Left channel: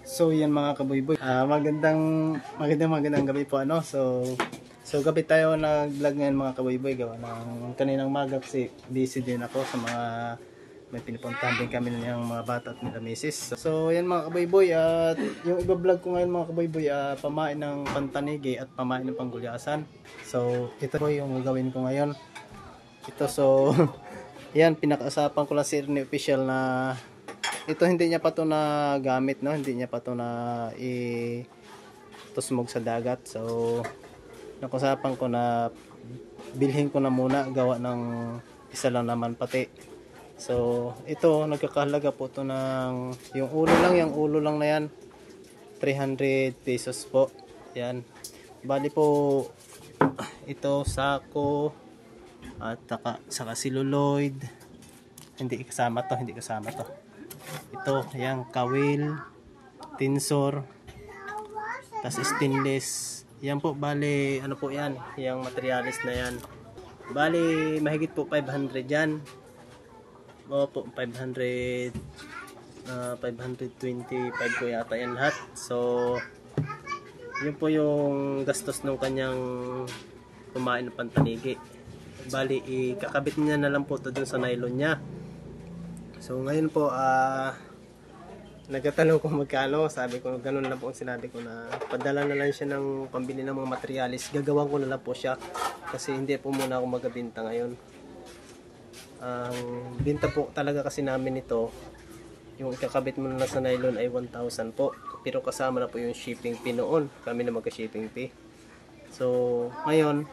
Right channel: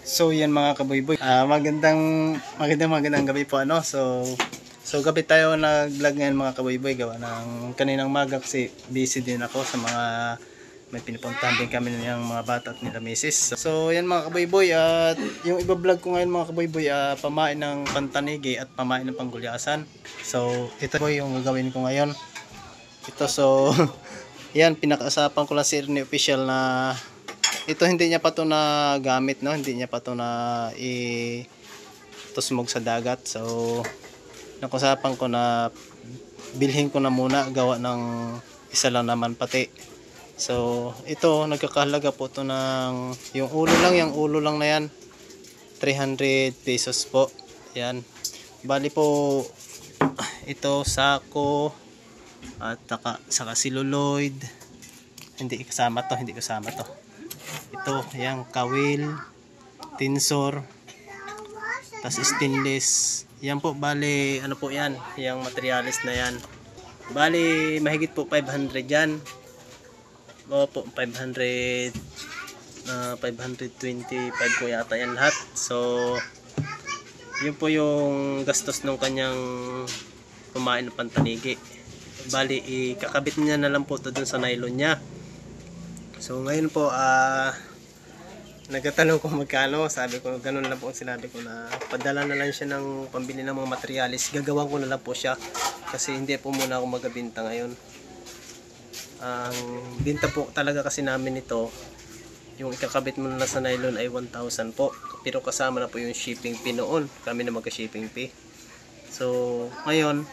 So yan mga kaboyboy, magandang gabi po ano. So gabi tayo nag-vlog ngayon mga kaboyboy, gawa ng kaninang maga kasi busy din ako sa mga may pinupuntahan din kami ng mga bata at nila misis. So yan mga kaboyboy, at yung iba-vlog ko ngayon mga kaboyboy, pamain ng pantanigi at pamain ng panggulyasan. So ito po yung gagawin ko ngayon. Ito so yan, pinakausapan ko lang si Ernie official na ito hindi niya pa to na gamit, no, hindi niya pa to na itusmog sa dagat. So nakusapan ko na bilhin ko na muna, gawa ng isa lang naman pati. So ito nagkakahalaga po to ng yung ulo lang na yan, 300 pesos po yan. Bali po ito sako at saka celluloid, hindi kasama to. Ito, yung kawil, tinsor, tas stainless. Yan po, bali, ano po yan, yung materialis na yan. Bali, mahigit po 500 yan. O po, 525 po yata yan lahat. So, yun po yung gastos ng kanyang kumain ng pantanigi. Bali, ikakabit niya na lang po ito dun sa nylon niya. So ngayon po nagtatanong kung magkano. Sabi ko ganun lang po ang sinabi ko, na padala na lang siya ng pambili ng mga materialis. Gagawan ko na lang po siya kasi hindi po muna ako magabinta ngayon. Ang binta po talaga kasi namin ito, yung ikakabit mo na sa nylon ay 1,000 po. Pero kasama na po yung shipping fee noon. Kami na magka-shipping fee. So ngayon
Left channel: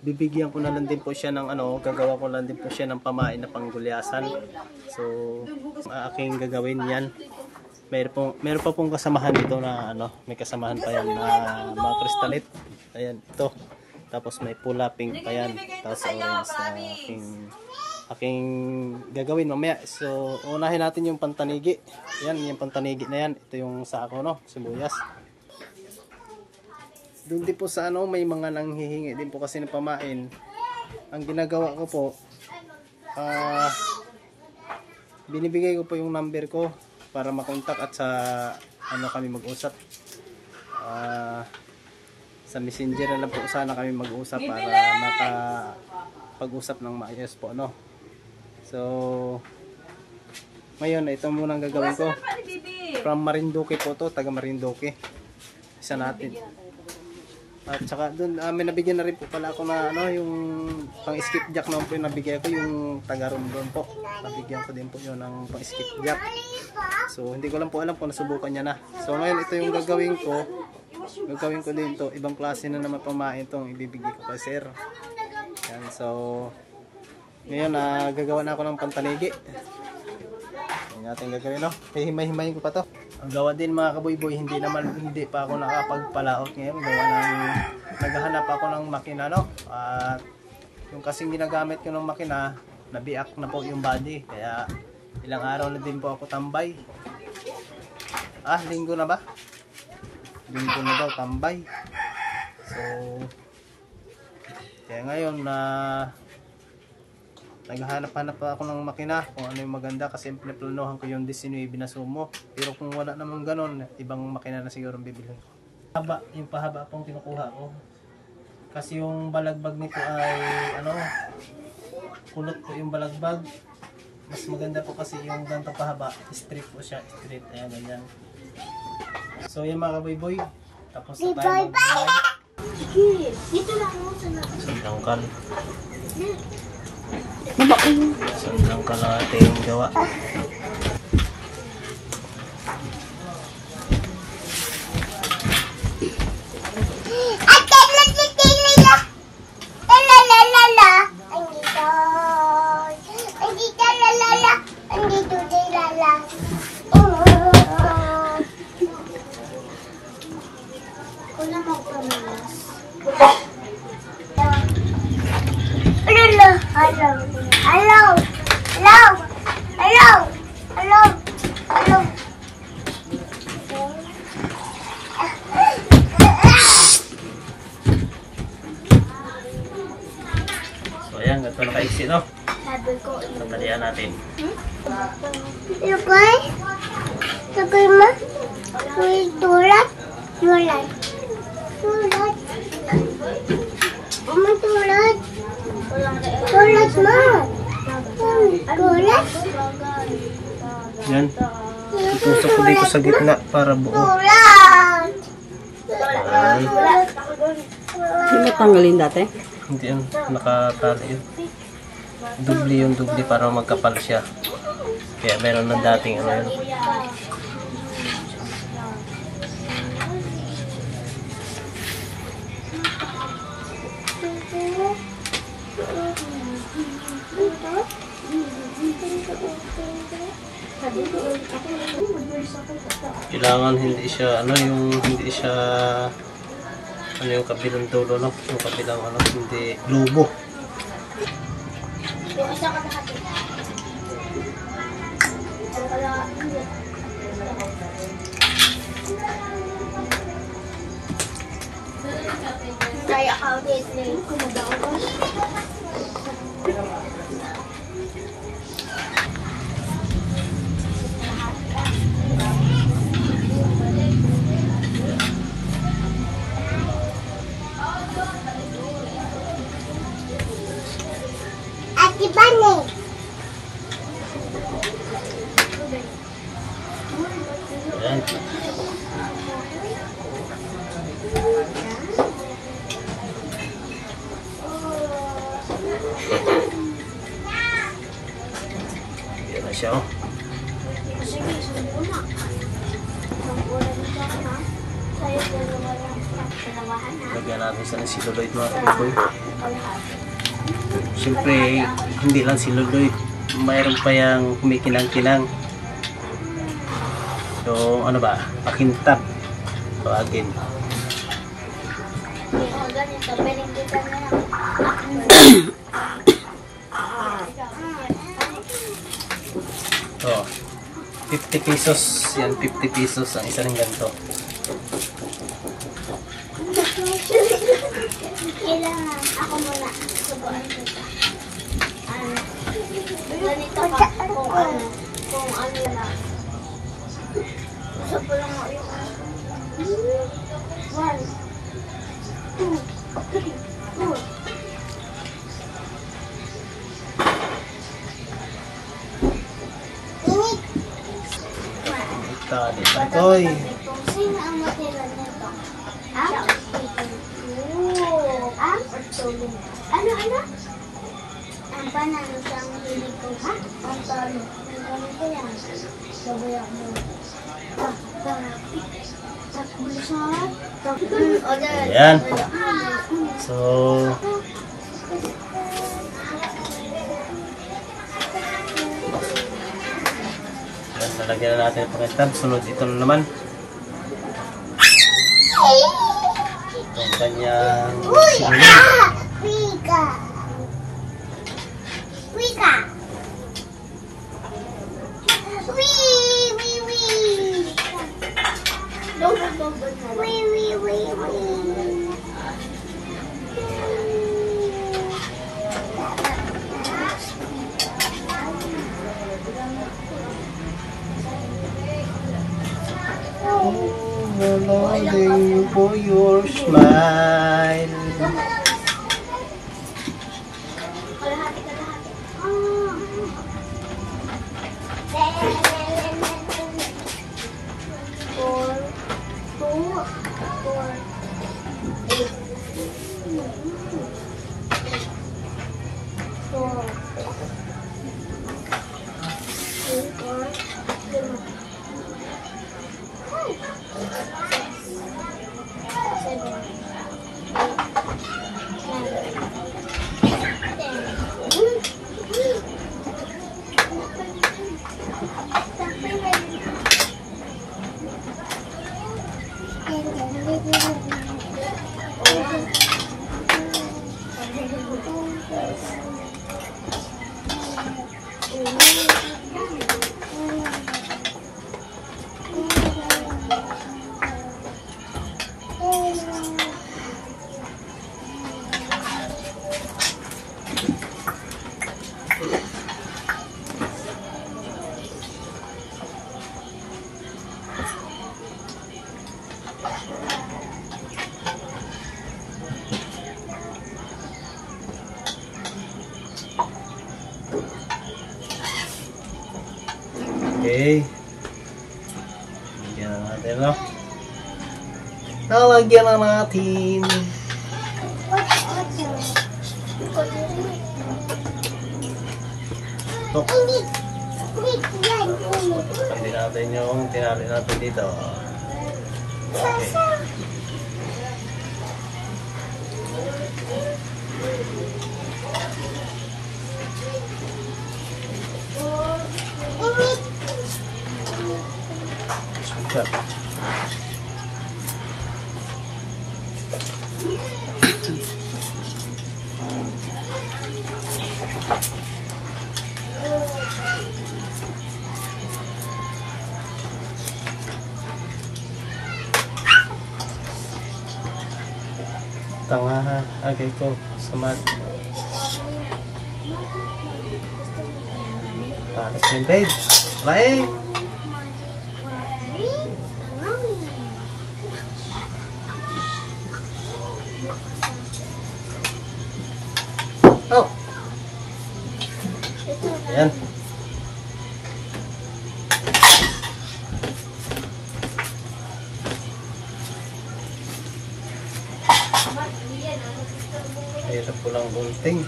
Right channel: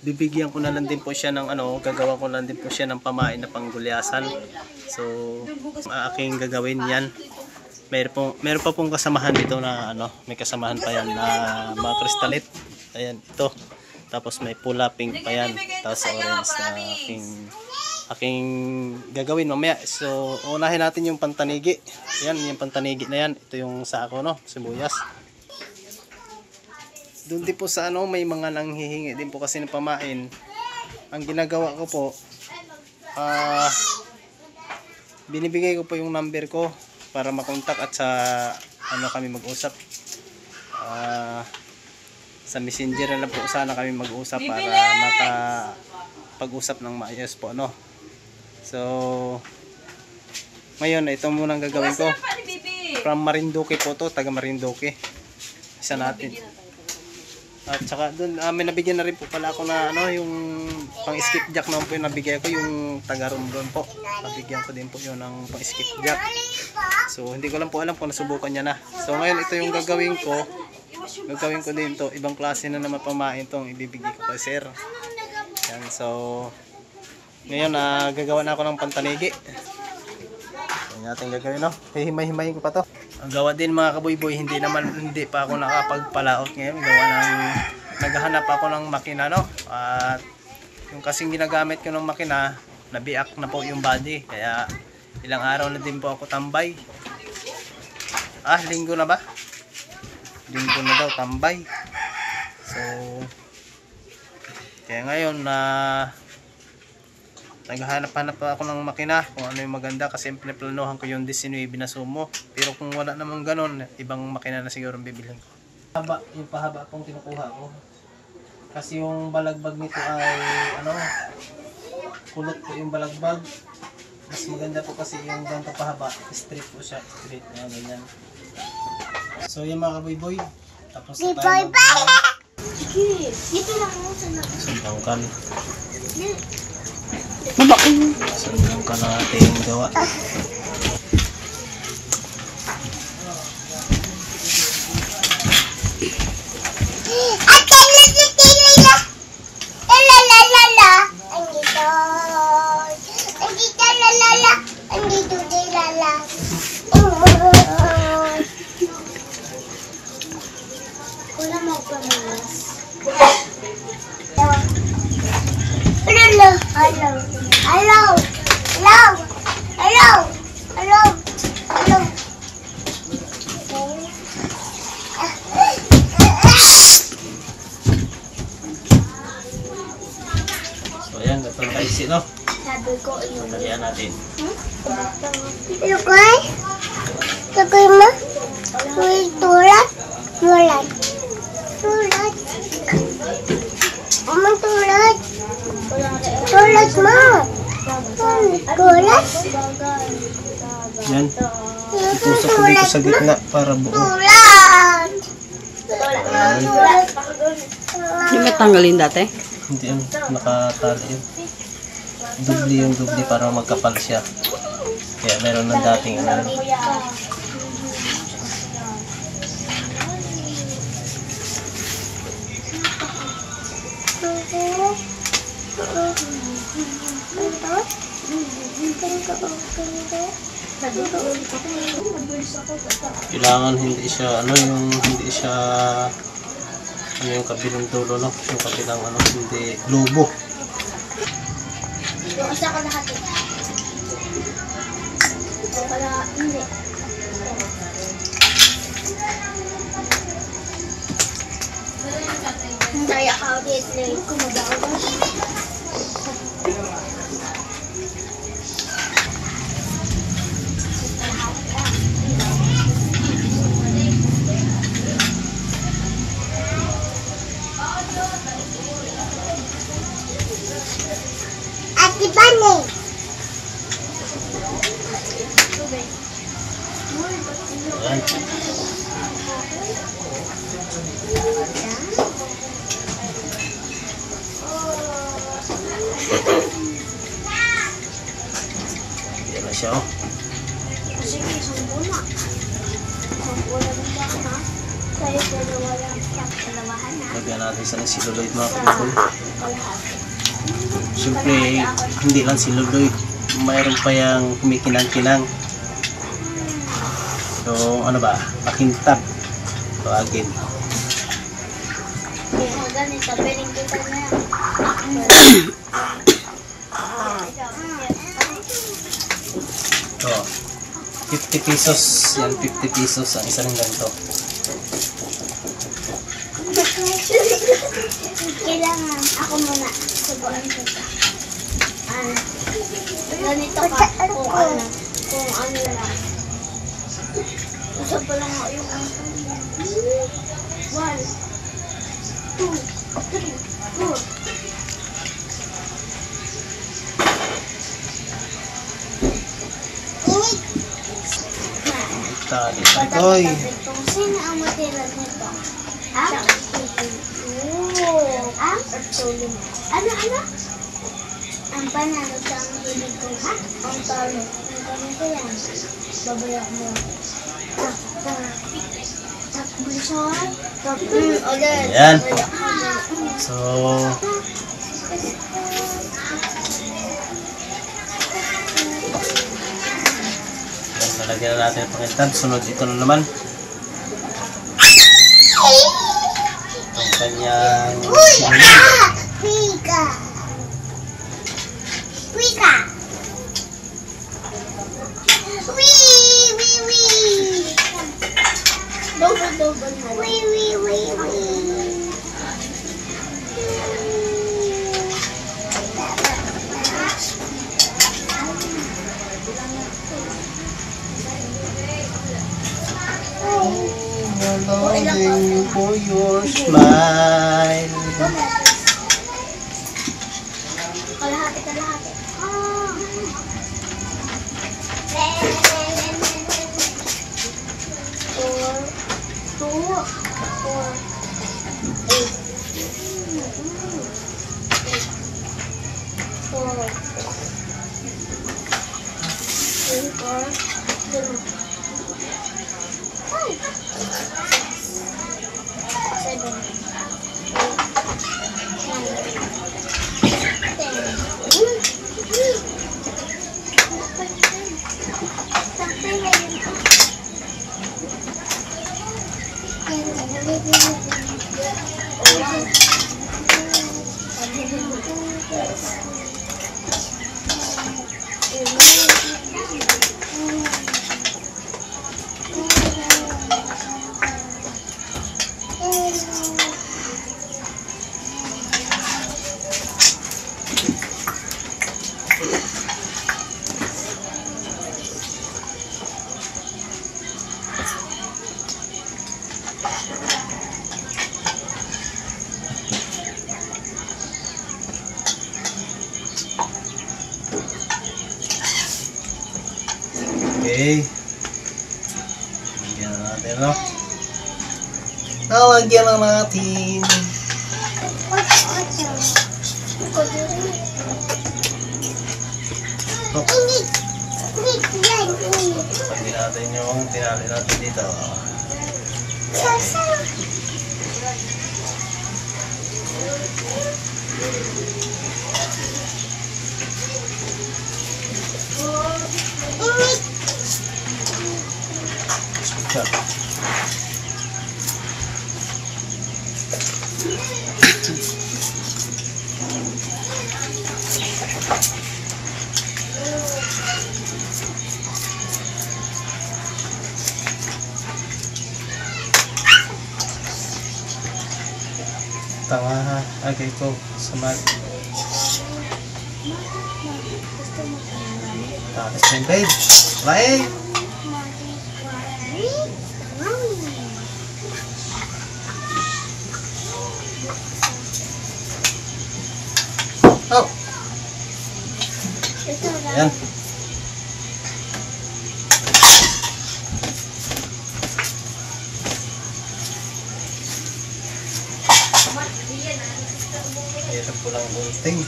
bibigyan ko na lang din po siya ng gagawa ko lang din po siya ng pamain na panggulyasan. So aking gagawin yan. Meron pa pong kasamahan dito na may kasamahan pa yan na mga kristalit. Ayan, ito. Tapos may pula pink pa yan. Tapos orange na aking gagawin mamaya. So unahin natin yung pantanigi. Yan, yung pantanigi na yan. Ito yung sako, sibuyas. Doon din po sa may mga nanghihingi din po kasi ng pamain. Ang ginagawa ko po, binibigay ko po yung number ko para makontak at sa kami mag-usap. Sa messenger na lang po sana kami mag-usap para makapag-usap ng maayos po So ngayon ito muna ang gagawin ko. From Marinduque po to, taga Marinduque. Isa natin. At saka doon may nabigyan na rin po pala ako na yung pang skip jack naman po yung nabigay ko, yung taga Romblon po. Nabigyan ko din po yun ng pang skip jack. So hindi ko lang po alam kung nasubukan niya na. So ngayon ito yung gagawin ko. Gagawin ko din to, ibang klase na naman pamain tong ibibigay ko kay sir. Yan, so ngayon gagawa na ako ng pantanigi. Yan natin gagawin hihimay-himayin ko pa to. Ang gawa din mga kaboyboy, hindi pa ako nakapagpalaot ngayon. Gawa ng naghahanap ako ng makina at yung kasing ginagamit ko ng makina, nabiak na po yung body. Kaya ilang araw na din po ako tambay. Linggo na ba? Linggo na daw tambay. So kaya ngayon naghahanap-hanap pa ako ng makina kung ano yung maganda, kasi planuhan ko yung 19 na sumo. Pero kung wala namang ganon, ibang makina na siguro bibilhin ko. Yung pahaba pong kinukuha ko. Kasi yung balagbag nito ay kulot po yung balagbag. Mas maganda po kasi yung ganito pahaba. Straight po siya. Straight na ganyan. So yan mga kaboyboy. Tapos na tayo mag-vlog. Sandangkan. Sandangkan na ating gawa. So ayan, gato na kaisi, no? Pagtalian natin. Tukoy mo? Tulad? Tulad. Tulad. Umang tulad. Tulad mo. Tulad. Yan. Itusok ko dito sa gitna para buo. Tulad. Yan. Hindi ba tanggalin dati? Hindi yan. Nakatali yun. Dubli yung dubli para magkapal siya. Kaya meron ng dating ano yun. Kailangan hindi siya ano yung hindi siya ano yung kabilang dulo no, yung kabilang ano hindi lubo. Kaya ka ulit Ate Bane. Ayan. Yan na siya oh. Lagyan natin sa celluloid mga kababoy. Siyempre, hindi lang celluloid. Mayroon pa yung kumikinang-kinang. So, ano ba? Pakintab. Tawagin. So, 50 pesos. Yan, 50 pesos ang isa ng ganito. Kailangan ako muna subuan dito. Ganito ka kung ano lang. Usap ko lang ako yung 1, 2, 3, 4. Tali, parikoy. Sino ang matira nito? Ano? Ang panalo sa ang hilig ko, ha? Ang talo. Ang ganito yan. Babaya mo. Takbusan. Ayan. So, yan, nalagyan na natin ang pakintab. Sunod ito na naman. Itong kanyang Pika! Pika! Wee! Double. Wee! Longing for your smile. Kalahati. Okay. Lagyan na natin, no? Nalagyan na natin. Oh. Pwede natin yung tinali natin dito. Okay. Super. Tanga ha. Okay ko. Samad. Talas na yung bed. Bye! Oh! Ayan. Hirap ko lang bunting.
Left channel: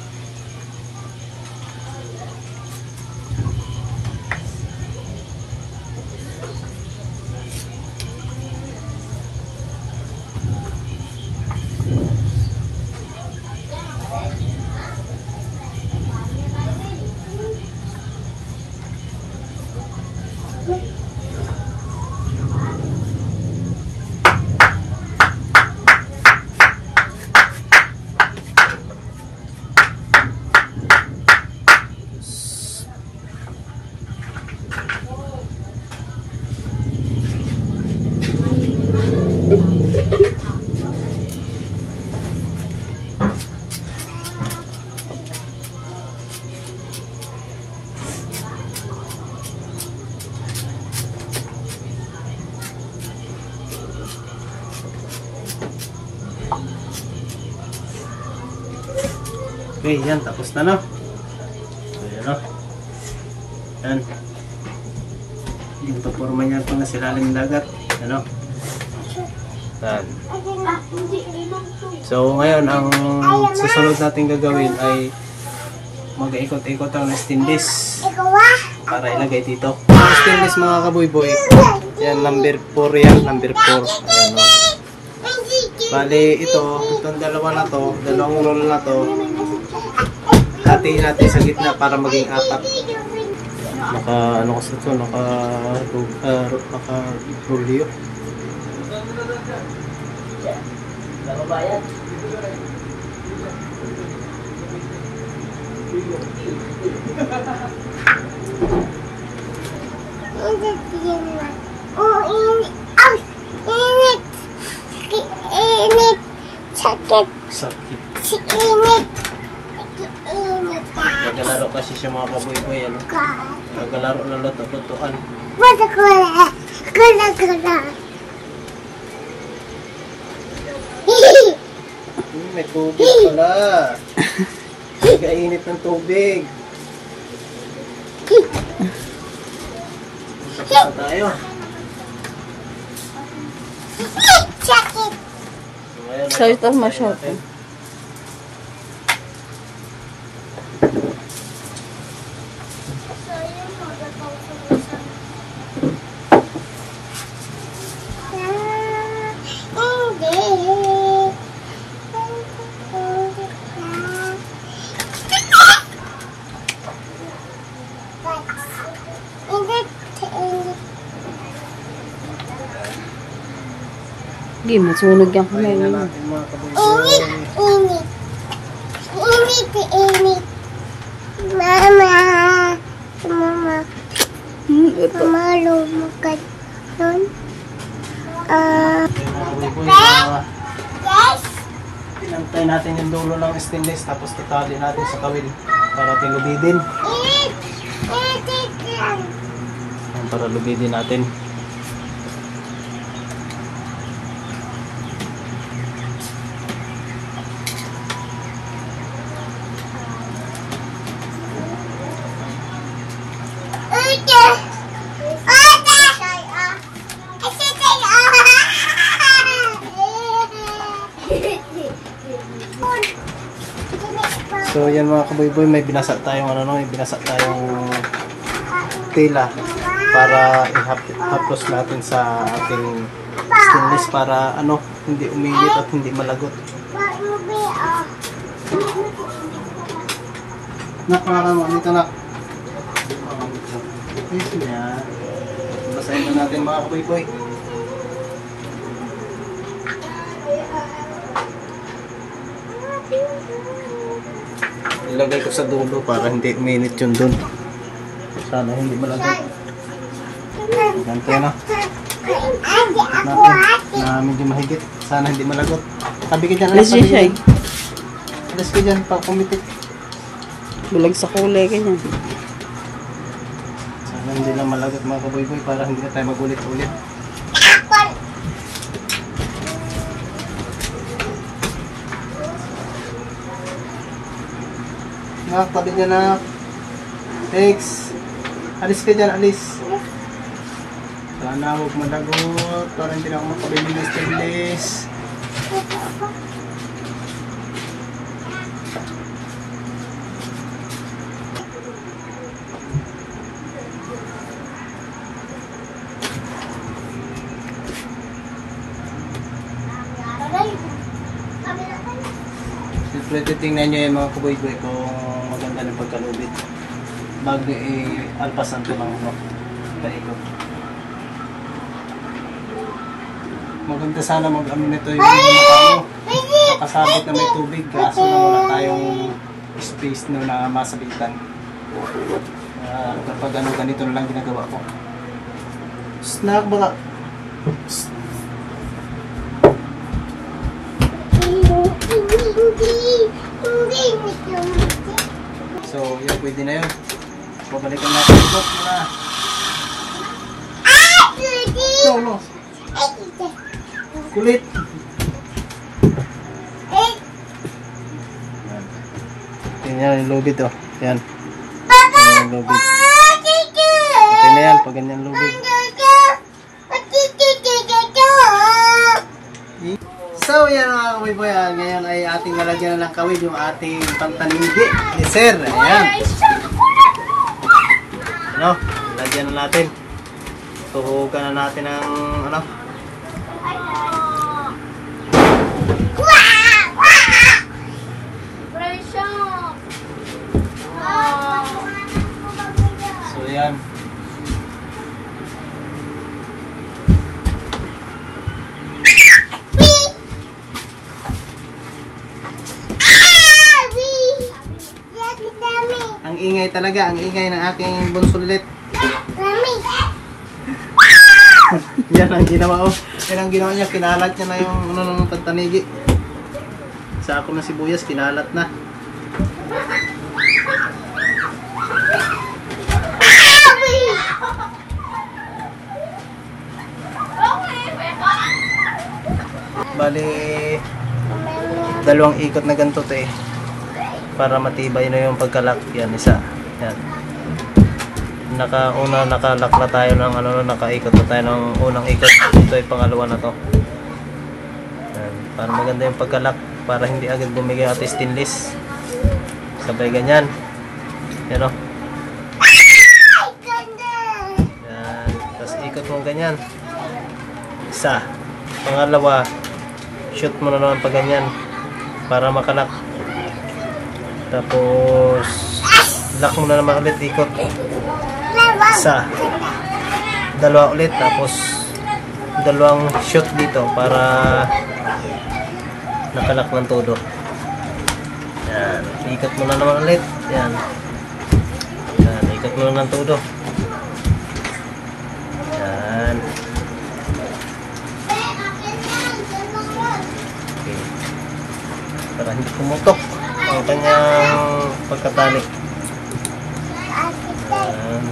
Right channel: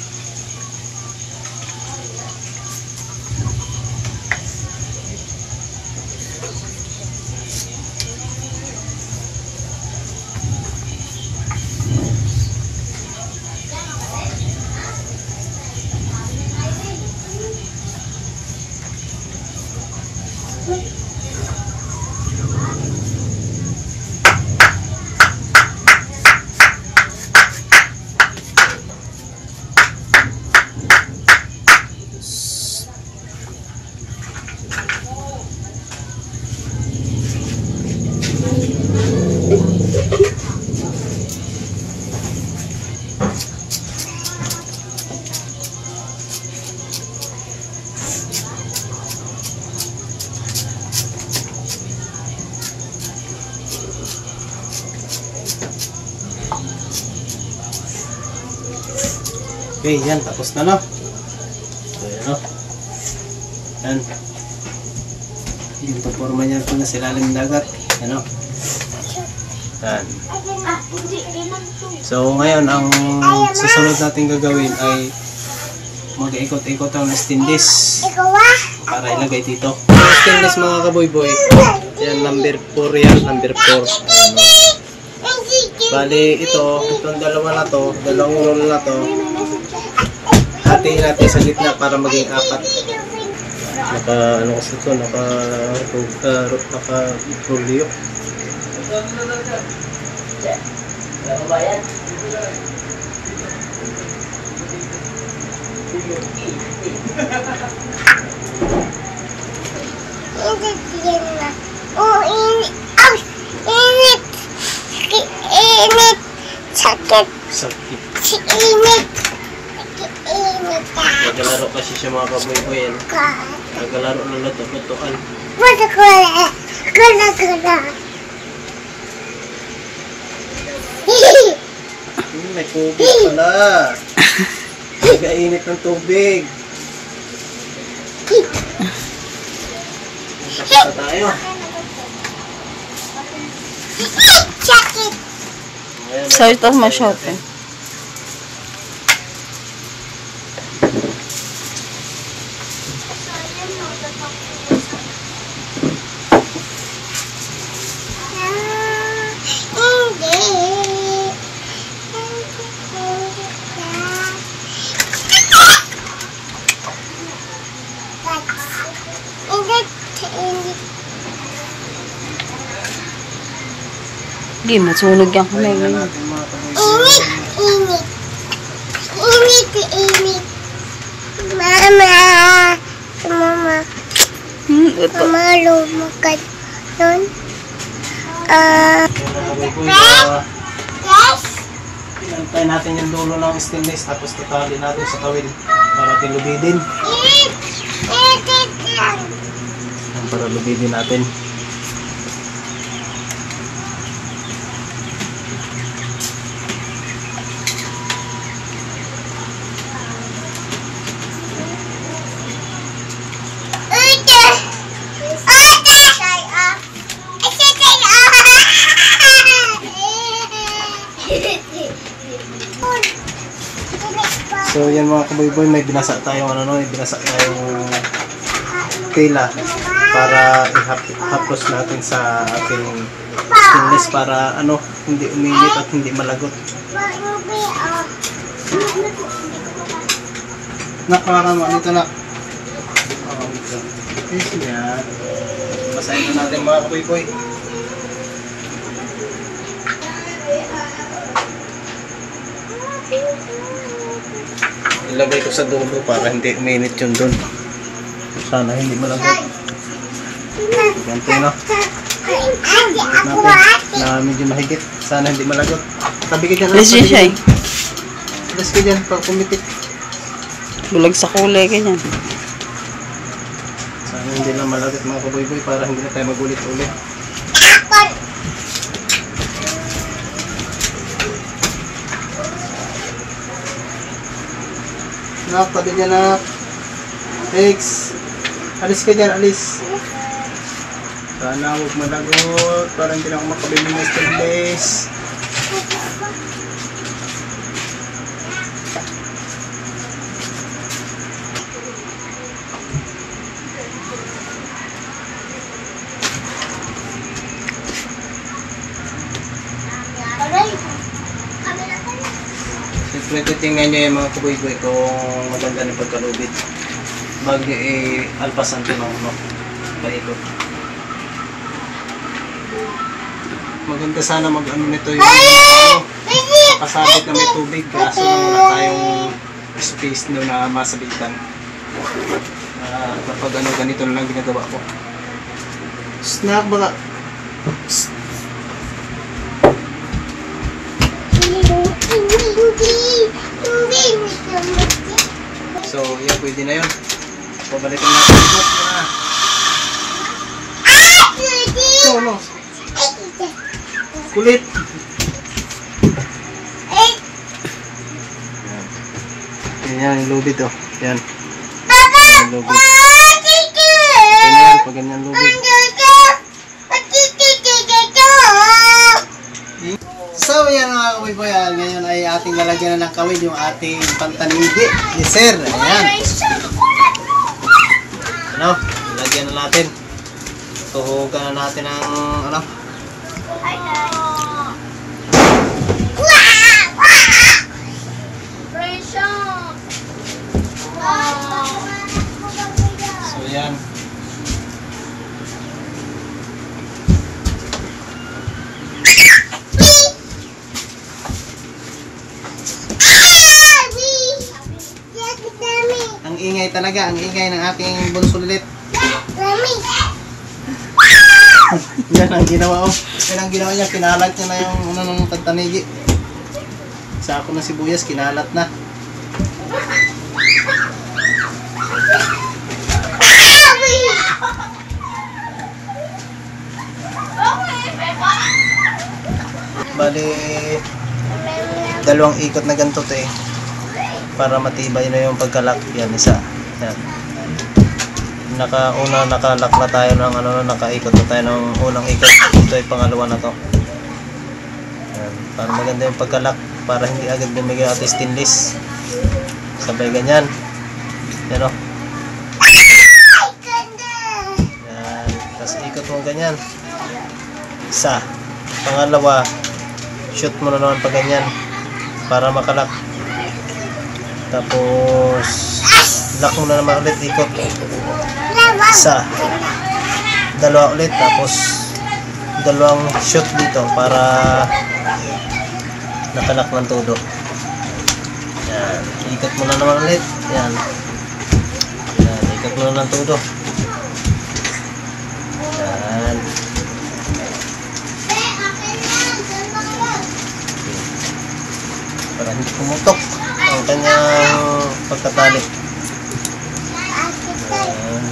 Okay, yan. Tapos na, no? So, yan, no? Yan. Yung forma niya po na silalim ng dagat. Ano? Yan. So, ngayon, ang susunod natin gagawin ay mag-ikot-ikot ang stainless para ilagay dito. Ang stainless, mga kaboy-boy, yan, number 4 yan. Number 4. Ayan, no? Bali, itong dalawa na to, dalawang roll na to, hatiin natin sa gitna para maging 4. Ano kasi ito, naka-rolyo. Init. Sakit. Sakit. Init. Init. Nagalaro kasi siya, mga kaboy-boy. Ano? Nagalaro na luto-lutuan. Gula. May tubig pala. Nagainit ng tubig. Tapos na tayo. Sakit. So, ito ma-short eh. Hindi, masunog yan kamay Ayun ngayon. na natin, mga kaboy-boy. Init. Mama. Ito. Mama, lumakad nun. Yung mga kaboy-boy, Yes. pinantay natin yung dulo ng stainless tapos tatali natin sa tawil para tilubidin. Init lang. Para lubidin natin. So yan mga kaboy-boy, may binasa tayong may binasa tayong tela para ihaplos natin sa ating stainless para hindi uminit at hindi malagot. Parang dito na. Yan. Basahin na natin mga kaboy-boy. Ilagay ko sa dulo para hindi uminit yun dun. Sana hindi malagot. Ganito no. Natin na medyo mahigit. Sana hindi malagot. Tabi ka dyan. Alas dyan siya eh. Alas ka dyan pag pumitik. Bulag sa kulay ganyan. Sana hindi lang malagot mga kaboy-boy para hindi na tayo magulit-ulit. Nak, tabi niya nak. Rex. Alis ka dyan, alis. Sana huwag malagot. Para hindi na ako makabili ng stainless. Siyempre, titingnan nyo yung mga kaboy-boy kung maganda ng pagkalubit. Bago alpasan ito ng paikot. Maganda sana nito yung nakasabit na may tubig. Kaso wala tayong space na masabitan. Kapag ganito na lang ginagawa ko. Snack baka. So, yun, pwede na yun. Pabalikan natin ito. No. Kulit. Yan yung lubid oh. Yan. Yan yung lubid. Okay na yan, pag ganyan lubid. So yan mga kaboy-boy, ngayon ay ating lalagyan na ng kawil yung ating pantanigi ni Sir. Ayan. Lalagyan na natin. Tuhugan na natin ang So yan. Ang ingay talaga, ang ingay ng aking bunsulit. Yan ang ginawa oh. Yan ang ginawa niya, kinalat niya na yung ng pantanigi. Sa ako na sibuyas, kinalat na. Bali, dalawang ikot na ganito eh. Para matibay na yung pagkalak. Yan, isa. Yan. Nakalak na tayo ng nakaikot na tayo ng unang ikot. Ito ay pangalawa na to. Yan. Para maganda yung pagkalak. Para hindi agad bumigay at stainless. Sabay ganyan. Yan o. Yan. Tapos ikot mo ganyan. Isa. Pangalawa. Shoot mo na naman pag ganyan. Para makalak. Tapos lock mo na naman ulit, ikot. Isa. Dalawa ulit. Tapos dalawang shoot dito para nakalak ng todo. Yan. Ikot mo na naman ulit. Yan. Yan. Ikot mo na ng todo. Yan. Okay. Para hindi pumutok ang kanyang pagkatali. Ayan.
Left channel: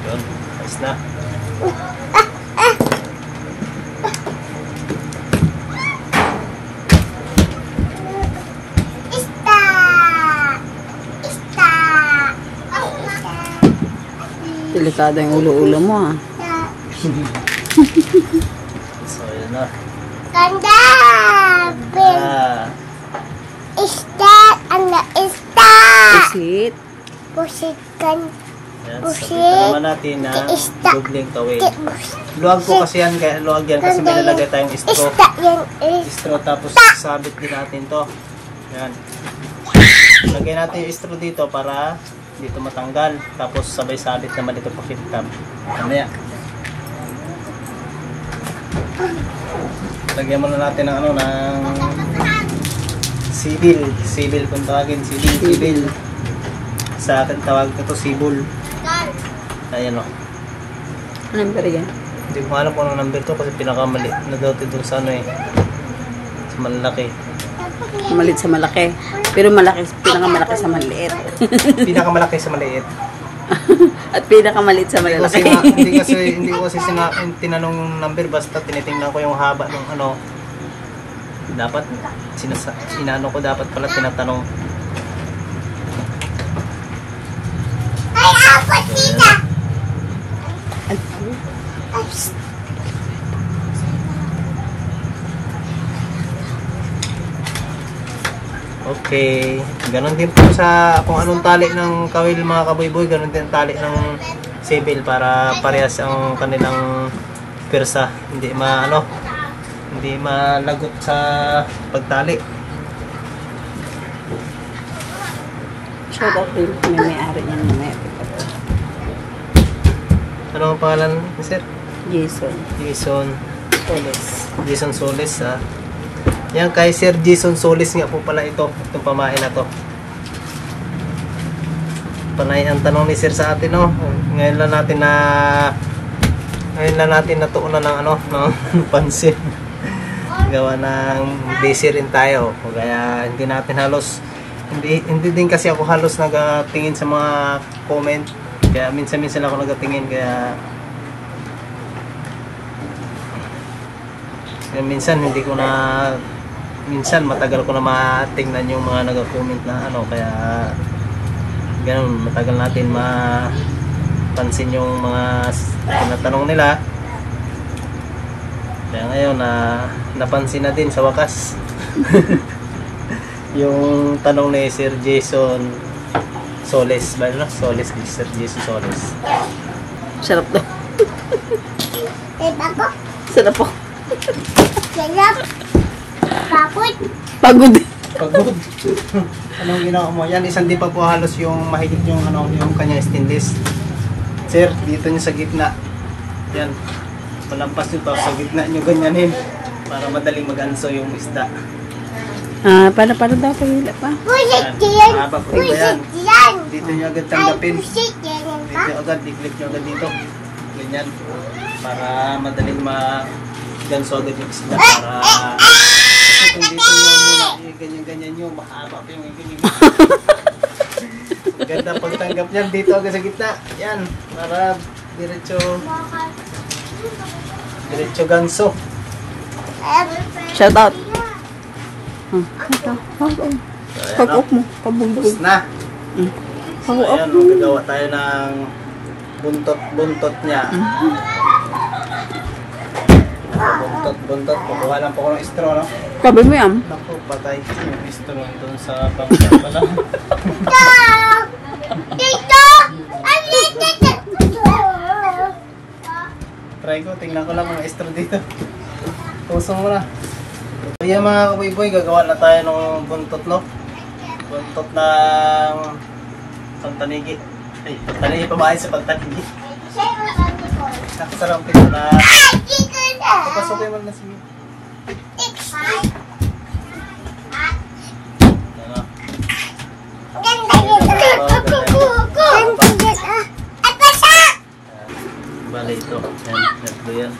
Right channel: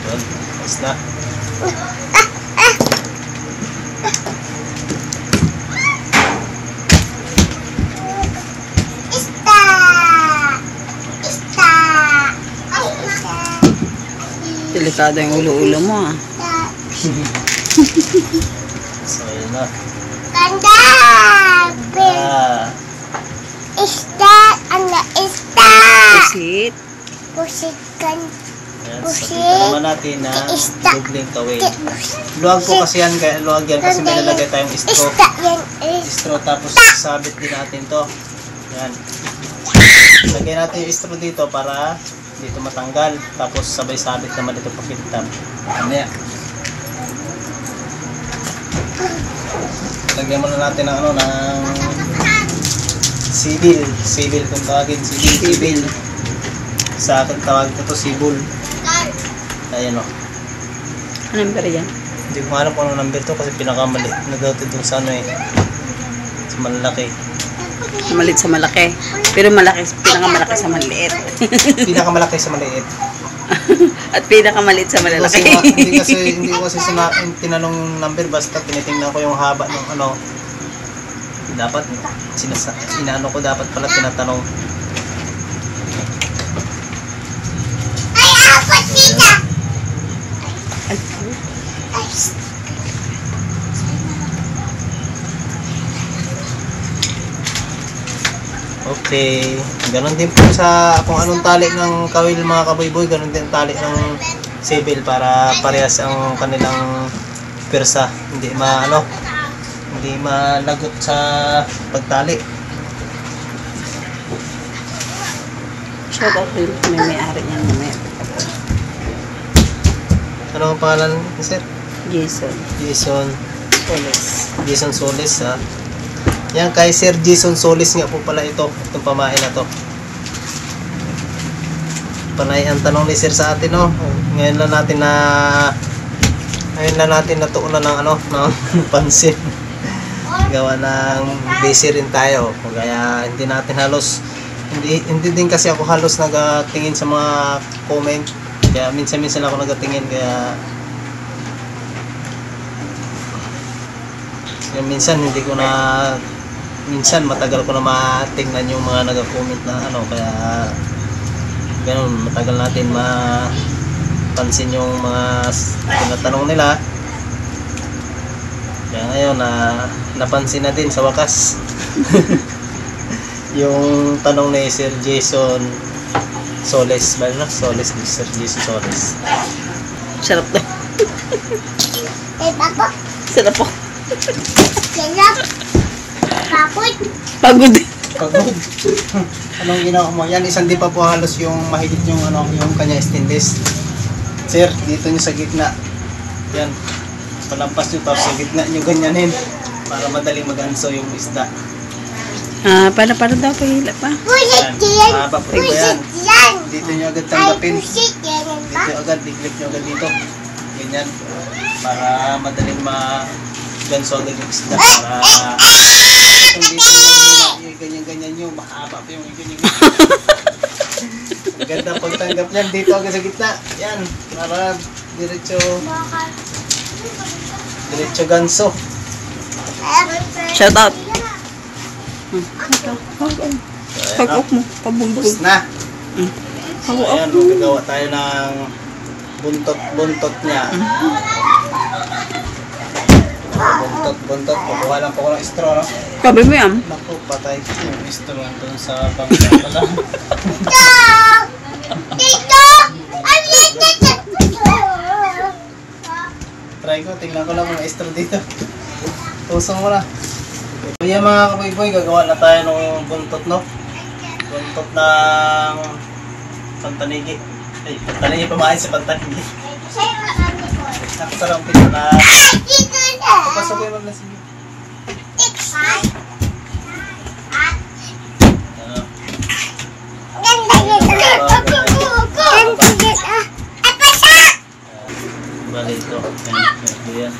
Yun, ayos na. Delikado yung ulo-ulo mo ah. So, yun na. Ganda! Ah, Isda! Ano isda? Pusit. Pusit kan. yan. So, dito naman natin na dubling kawil. Pusit. Luwag po kasi yan. Luwag yan kasi may nalagay tayong straw. Isda yan is. Straw tapos sabit din natin to. Yan. Lagay natin yung straw dito para dito matanggal. Tapos sabay sabit naman dito pa kintab. Mamaya. Lagyan muna natin ng ano ng sibil. Sibil kung tawagin. Sibil. Sa akin tawag ko to sibul. Ayan o. Anong number yan? Hindi ko alam kung anong number to kasi pinakamali na daw ito dun sa ano eh. Sa malaki. Malit sa malaki. Pero malaki, pinakamalaki sa maliit. Pinakamalaki sa maliit. At pinakamaliit sa malalaki. Hindi ko kasi tinanong yung number, basta tinitingnan ko yung haba ng ano. Dapat inaano ko dapat pala tinatanong. Ay, apat dito! Ay, Okay. Ganon din po sa kung anong tali ng kawil mga kaboyboy, ganon din ang tali ng sibil para parehas ang kanilang persa. Hindi malagot sa pagtali. shout out rin kung may-ari niyan mamaya. Ano ang pangalan ni sir? Jason. Jason Soles. Jason Soles ha. Yan kay Sir Jason Soles nga po pala ito. Itong pamain na to. Panay ang tanong ni sir sa atin no. Ngayon lang natin natuunan ng ano ng pansin. Gawa ng busy rin tayo. Kaya hindi natin halos hindi din kasi ako halos nagatingin sa mga comment. Kaya minsan-minsan ako nagatingin kaya minsan matagal ko na matingnan yung mga nag-comment na ano kaya ganun matagal natin mapansin yung mga tinatanong nila kaya ngayon napansin na din sa wakas yung tanong ni Sir Jason Soles ba na? Soles ni Sir Jason Soles. Sarap daw. Ako. Sarap po. Sarap. Bakit? Pagod. Pagod. Anong ginawa mo? Yan isang di pa po halos yung mahigit yung ano yung kanya stainless. Sir, dito nyo sa gitna. Yan. Palampas nyo tapos sa gitna nyo ganyanin para madaling mag-anso yung isda. Paano daw pahila pa? Pusit yan. Mahaba po ba yan? Yan. Dito nyo agad tanggapin. Pusit yan. Dito agad, i-click nyo agad dito. Ganyan. Para madaling ma-ganso agad yung isda. Para itong dito nyo muna, ganyan-ganyan nyo, mahaba pa yung ganyan. Ganda pagtanggap niyan. Dito agad sa gitna. Yan. Para diretso ganso. Shout out. Ito. Pag-up mo. Pabugbog. Tapos na. So, Pag-up ayan, mo. gagawa tayo ng buntot niya. Buntot. Kukuha lang po ko ng straw, no? Sabi mo yan. Naku, patay yung straw doon sa bangka pala. Dito! Ay, dito! Try ko, tingnan ko lang kung may straw dito. Tusong mo na. So yan mga kaboyboy, gagawa na tayo ng buntot, no? Buntot ng pantanigi. Ay, pantanigi, pamain sa pantanigi. Nakasarang pito na. Dito na! Papasokin mo na sige. Ano? Ganda dito! Ganda dito! Ay, pasa! Bali ito. Ito yan.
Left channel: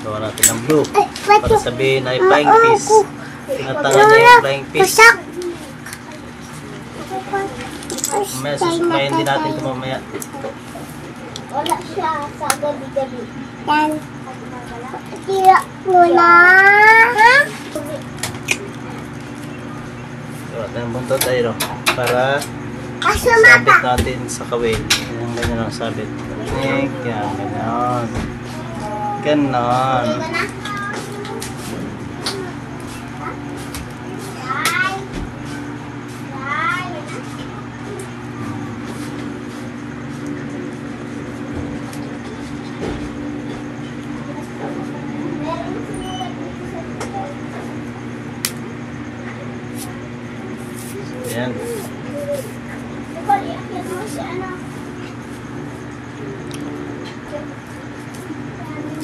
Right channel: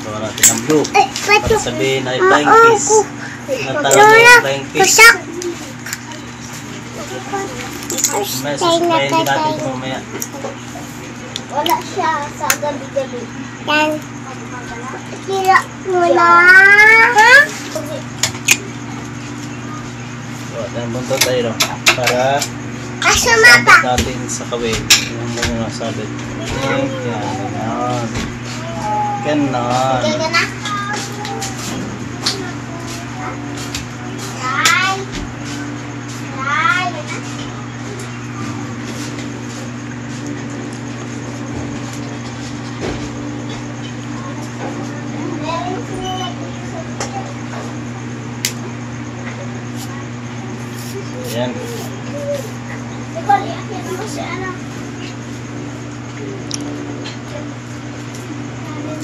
Gawa natin ng blue. Para sabihin ay flying fish. Tinatala niya yung flying fish. Mamaya susumayin din natin ito mamaya. Wala siya sa gabi-gabi. Yan. Kira mo na. Ha? Gawa tayo ng buntot tayo, no? Para sabit natin sa kawil. Yung ganyan ang sabit. Yan, ganyan. Ganon. Ayan.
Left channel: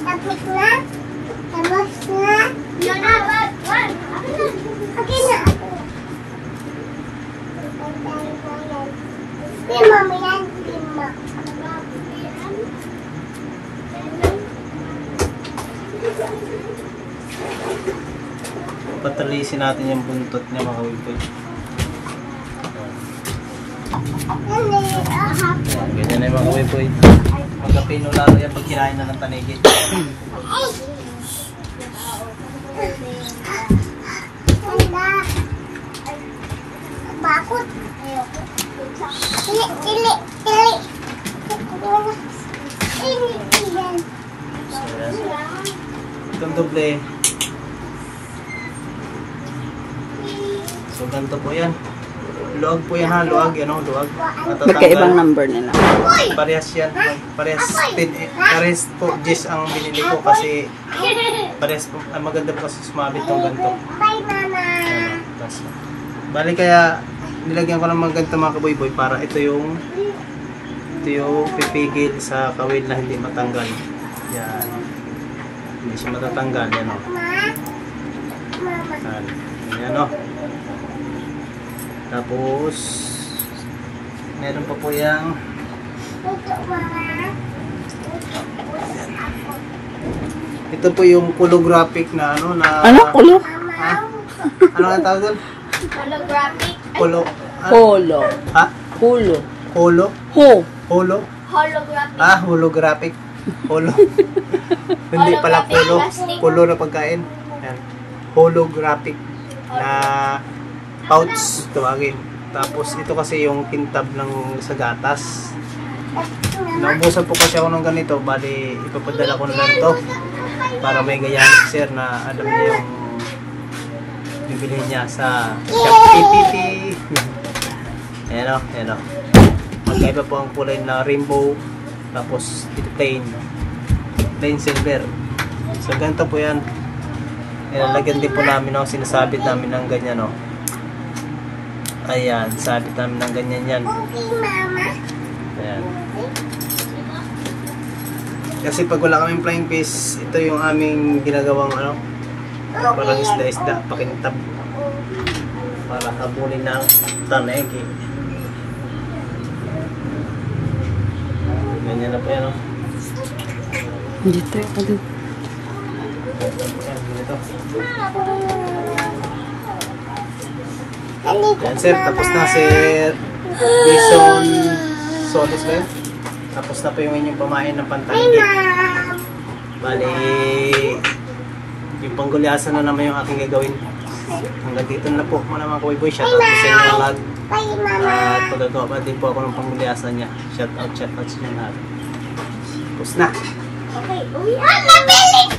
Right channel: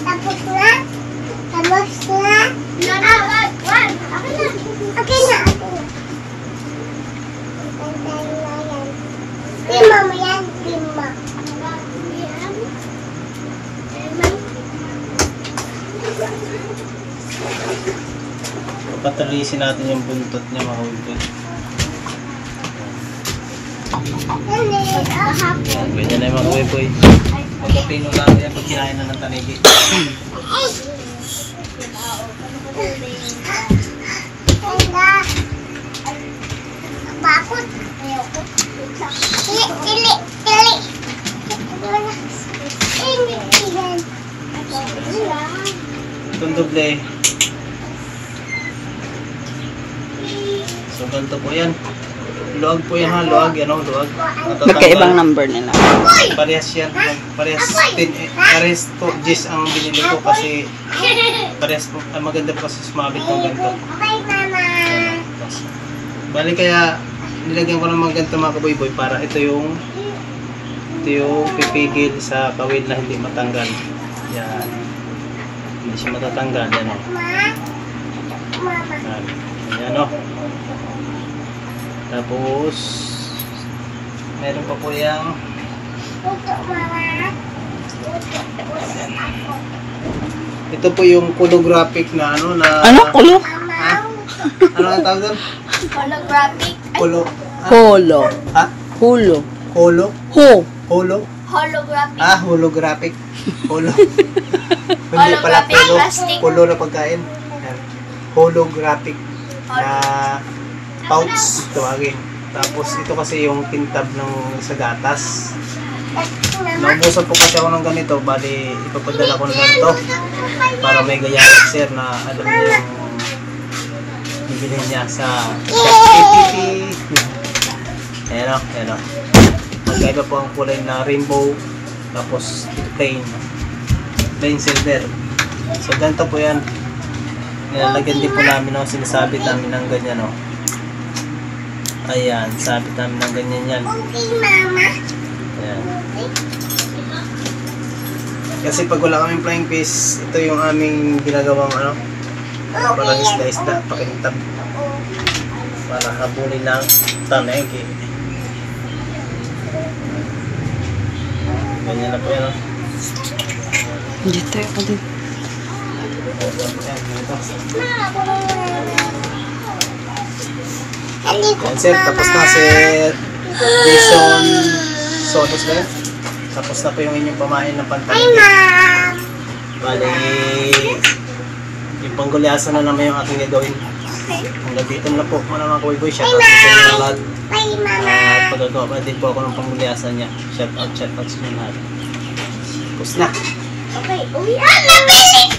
Tapos na? Tapos na? Okay na. Lima mo yan. Lima. Patalisin natin yung buntot niya mga kawil. Yan, ganyan na yung mga kawil. Magkapino natin yan pag kinain na ng tanigi. Bakit? Tili. Itong doble. So ganito po yan. Luag po yan ha, luag. Yan o, luag. Magkaibang number nila. Parehas yan. Parehas po, Jess ang binili ko kasi parehas po. Maganda po kasi sumabit ng ganito. Bye, Mama. Bali kaya nilagyan ko naman ganito mga kaboy-boy para ito yung pipigil sa kawil na hindi matanggal. Yan. Hindi siya matatanggal. Yan o. Mama. Yan o. Tapos meron pa po yung Ito, Mama. ito po yung holographic na ano na Ano? Kulo? Ha? Ano ang tawag doon? Holographic. Holo. Ha? Hulo. Holo? Ho. Holo? Holographic. Holographic. Holo. Hindi pala kulo. Kulo na pagkain. Yan. Holographic na pouch tawagin. Tapos ito kasi yung kintab ng sa gatas. Naubusan po kasi ako ng ganito, bali ipapadala ko na ganito para may gayaan si sir na alam niyo yung bibili niya sa KPP. Ayan o. Magkaiba po ang kulay na rainbow, tapos ito plain silver. So ganito po yan. Nilalagyan din po namin ng sinasabit namin ng ganyan o. Ayan, sabit namin ng ganyan yan. Okay, Mama. Ayan. Kasi pag wala kaming flying fish, ito yung aming ginagawang ano, parang isda-isda, pakintab. Para habulin ng tanegi. Ganyan na po yan. Dito ako din. Ayan, ganito. Yan sir, tapos na sir. Jason Sotos na yun. Tapos na po yung inyong pamain ng pantaligi. Bali, yung panggulyasan na naman yung aking gagawin. Hanggang dito na po mga kawiboy. Shout out sa inyo lahat. Bye, Mama. At pagkagawa pa din po ako ng panggulyasan niya. Shout out sa inyo lahat. Tapos na. Okay, uwi. Nabili